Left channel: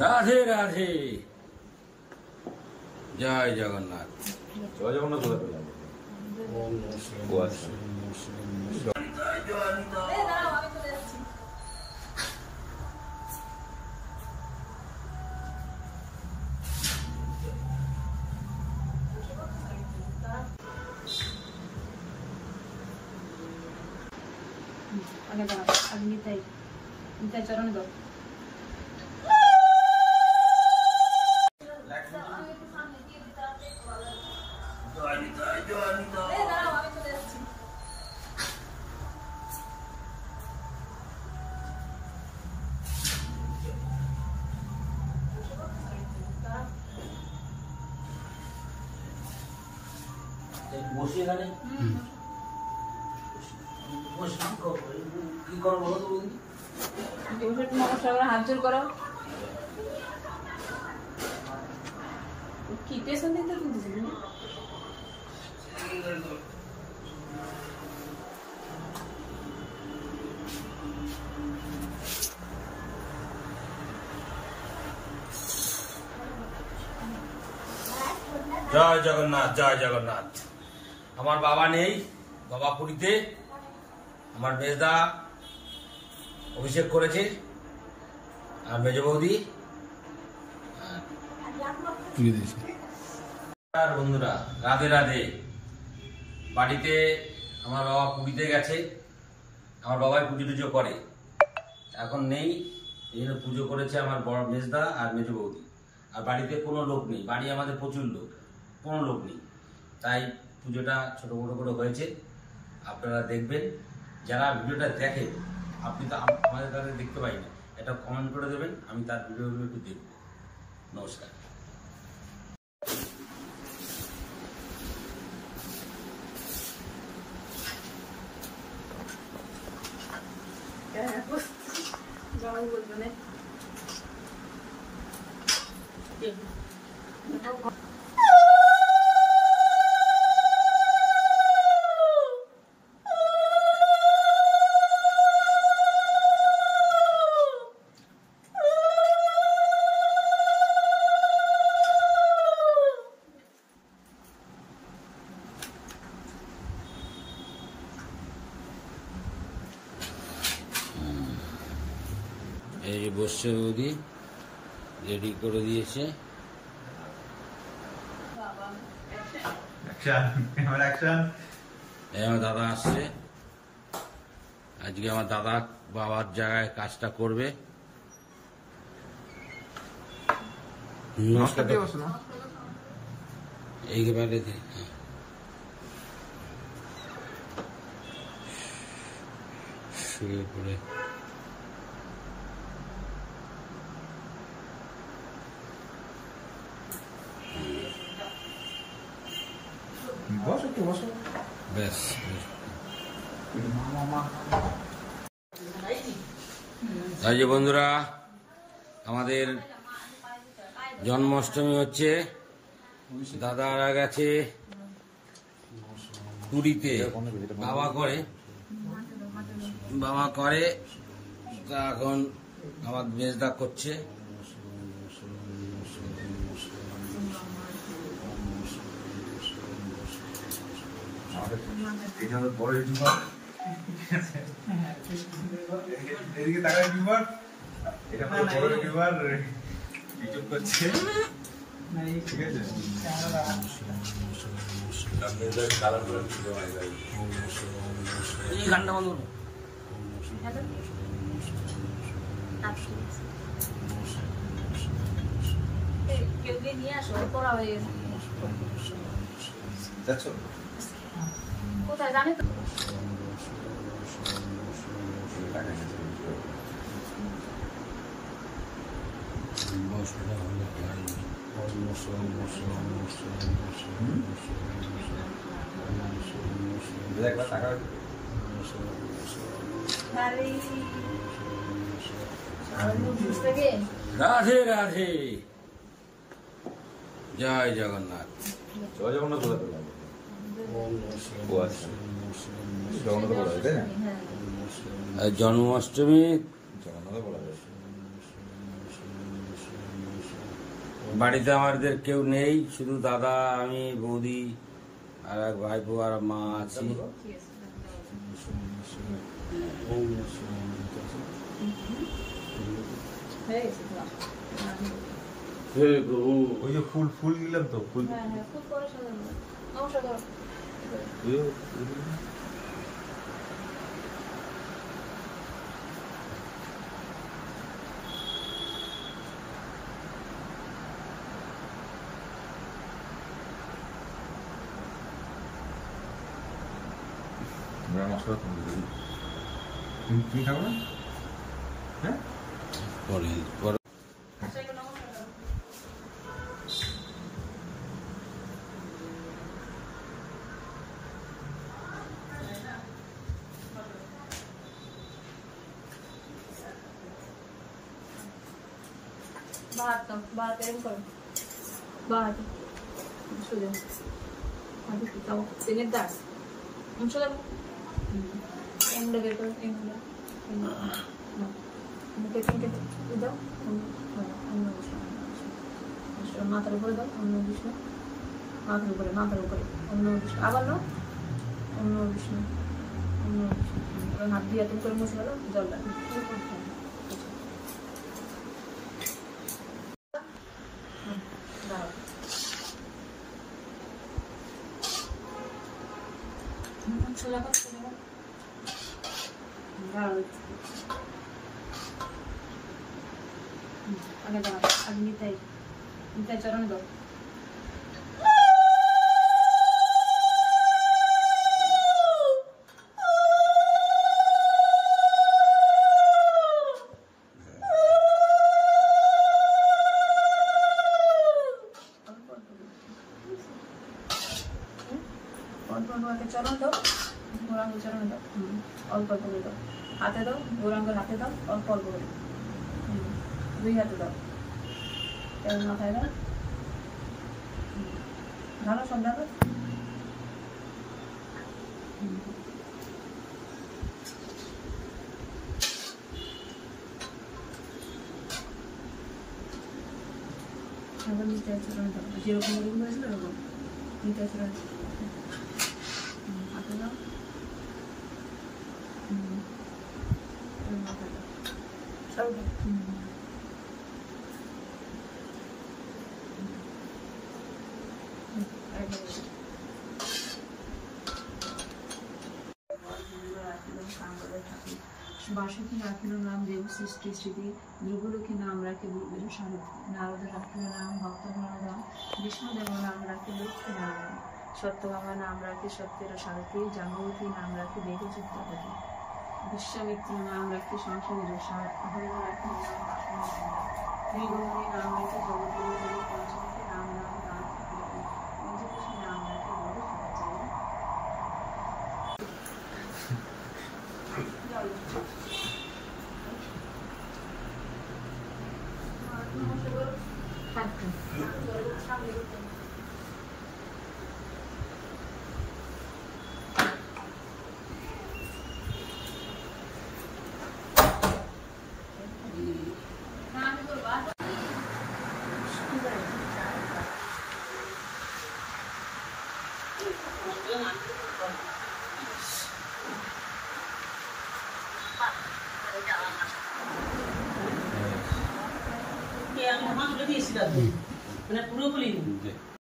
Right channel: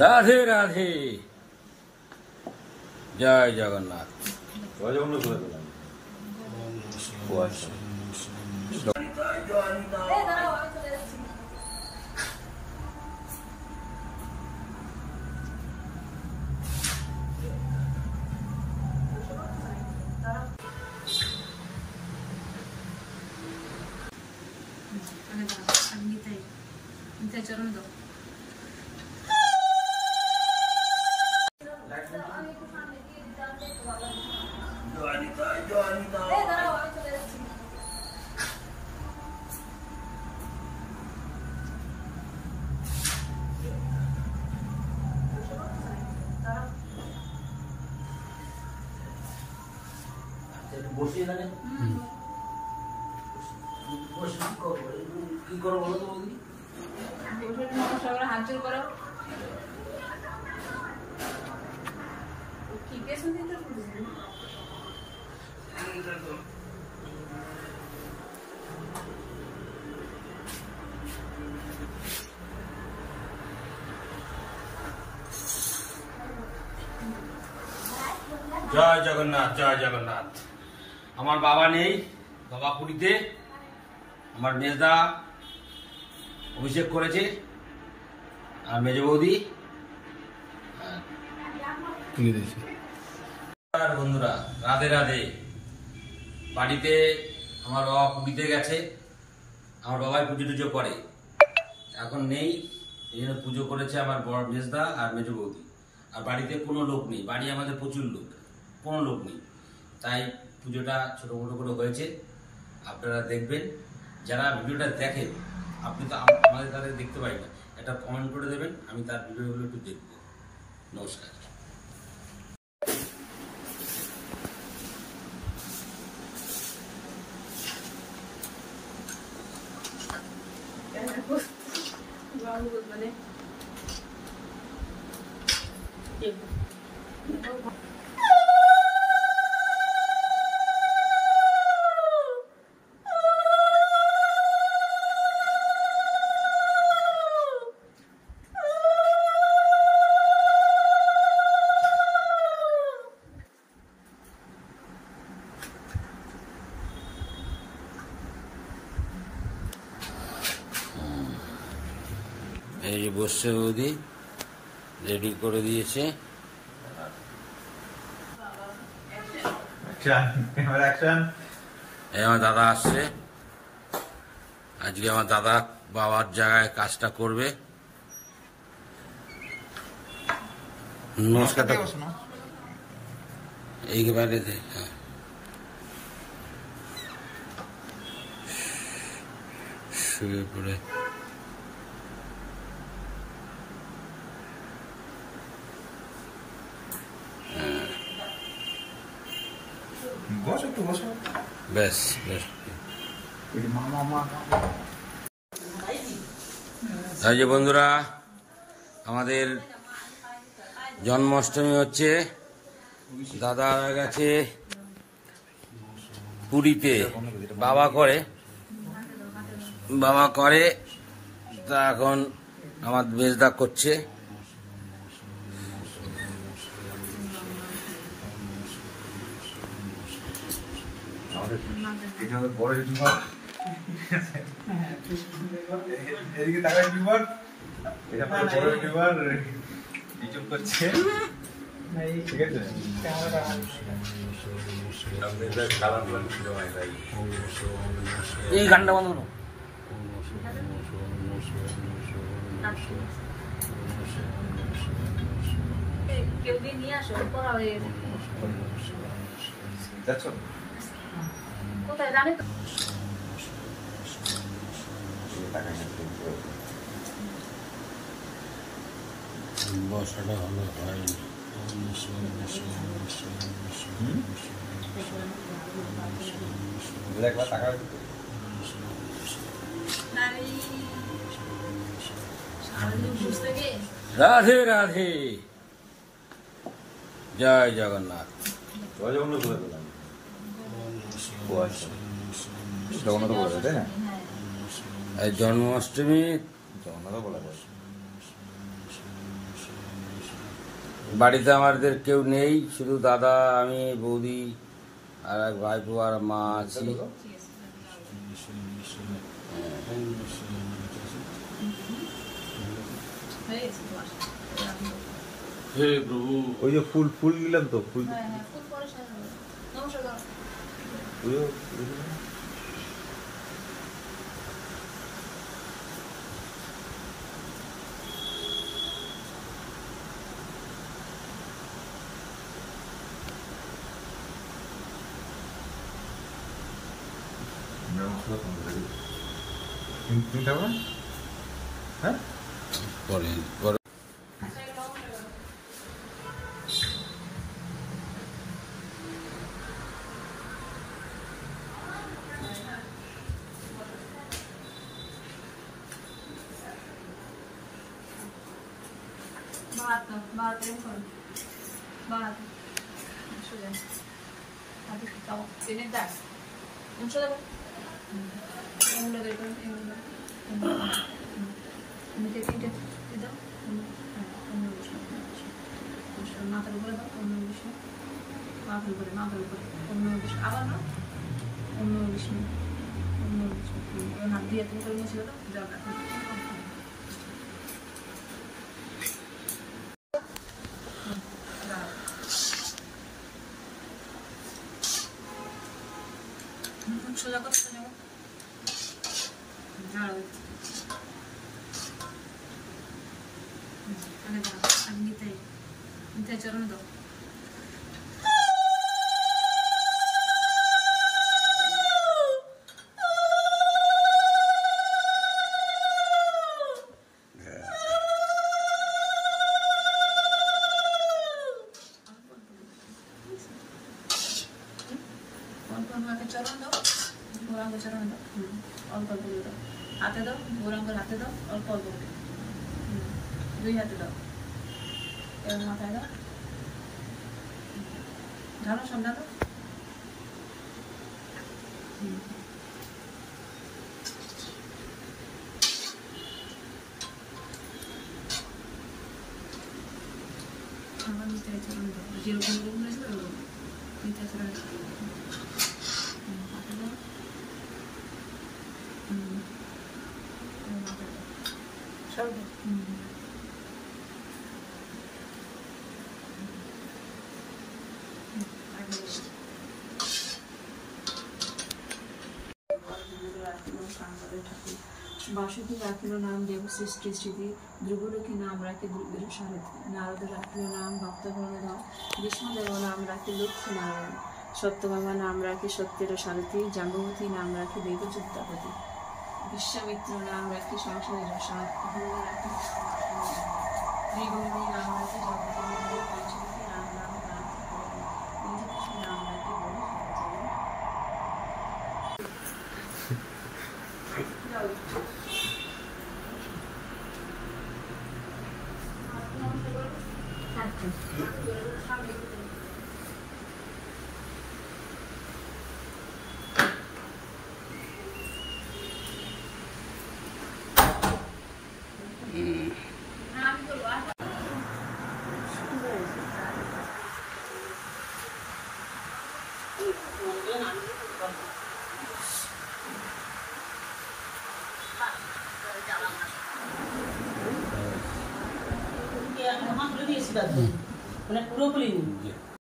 রাধে রাধে, জয় জগন্নাথ। নিতাই চরণ দাও। বসি এখানে কি করবো বলো তো বৌদি? হাত জোর করো। কি টেনশন দিতে বলছিস? জয় জগন্নাথ, জয় জগন্নাথ। আমার বাবা নেই, বাবা পুরীতে। আমার মেজদা অভিষেক করেছে, আর মেজ বৌদি আর বন্ধুরা রাধে রাধে। বাড়িতে আমার বাবা পুরীতে গেছে, আমার বাবাই পুজো টুজো করে, এখন নেই, এই জন্য পুজো করেছে আমার বড় মেজদা আর মেজ বৌদি। আর বাড়িতে কোনো লোক নেই, বাড়ি আমাদের প্রচুর লোক, কোনো লোক নেই, তাই পুজোটা ছোটো মোটো করে হয়েছে। আপনারা দেখবেন, যারা ভিডিওটা দেখেন, আপনি তো আমাদের তাদের দেখতে পাই না, এটা কমেন্ট করে দেবেন, আমি তার ভিডিওগুলো একটু দেখব। নমস্কার। এই যে বসছে বৌদি, রেডি করে দিয়েছে। আমার দাদা আসছে, আজকে আমার দাদা বাবার জায়গায় কাজটা করবে। নমস্কার। এইবারে শুয়ে পড়ে বেশ বেশ। এই যে বন্ধুরা, আমাদের জন্মাষ্টমী হচ্ছে, দাদারা গেছে পুরীতে, বাবা করে তা এখন আমার মেজদা করছে। এদিকে তাকাই বিবার, এটা বড় বিবার ইউটিউব করছে, ঠিক আছে? এই গানটা বন্ধ। কেউ নিয়ে আসো, করা হয়ে গেছে। কোথায় জানি তো? বসাটা হবে রাধে রাধে, জয় জগন্নাথ। জন্মাষ্টমী বাড়িতে আমাদের কেউ নেই, শুধু দাদা, আমি, বৌদি আর এক ভাইপো আর মা আছি। ঠিক আছে হয়ে গেছে তো আসো। হে প্রভু, ওই যে ফুল ফুল নিলাম তো ফুল হ্যাঁ হ্যাঁ খুব করে সাজানো। নমস্কার করো। মশলা তুমি খাবো না? হ্যাঁ পরে পরে बाहर करें कौन बाहर शुरू अभी किताब तेरे दास मुझे लगा इन लोगों को इन मुझे तीन इधर मात्र बोल दो अन्य विष्णु मात्र बोले अन्य विष्णु आवाज नो अन्य विष्णु और नाम दिया तुम करो मुझे लगा जल रहा সোজা কর সোজা কর দাঁড়াও আগে দাঁড়াও আগে নিতাই চরণ দাও চরণ দাও গৌরাঙ্গ চরণ দাও অল্প অল্প করে দাও হাতে দাও গৌরাঙ্গের হাতে দাও অল্প অল্প করে দুই হাতে দাও এবার মাথায় দাও ঢালো সব ঢালো আবার নিতে চরণ দাও যেরকম করেছিল ওরকম নিতে চরণ হাতে দাও সব বাসুকি রাখিল নাম দেব সৃষ্টি স্মৃতি যুগলক্ষী নাম রাখি দুর্গের সারথী নারদ রাখিল নাম ভক্তগণধাম বিষ্ণুদেব নাম রাখি লক্ষ্মী নারায়ণ সত্যভামা নাম রাখি সত্যের সারথী জাম্বতী নাম রাখি দেবযুক্তাপতি বিশ্বামিত্র নাম রাখি সংসারের সার অহল্য রাখি ত্রিগৌরী নাম রাখি জগতের পঞ্চমুখী নাম রাখি পঞ্চকৃষ্ণ নাম রাখি বড় মানে পুরোপুরি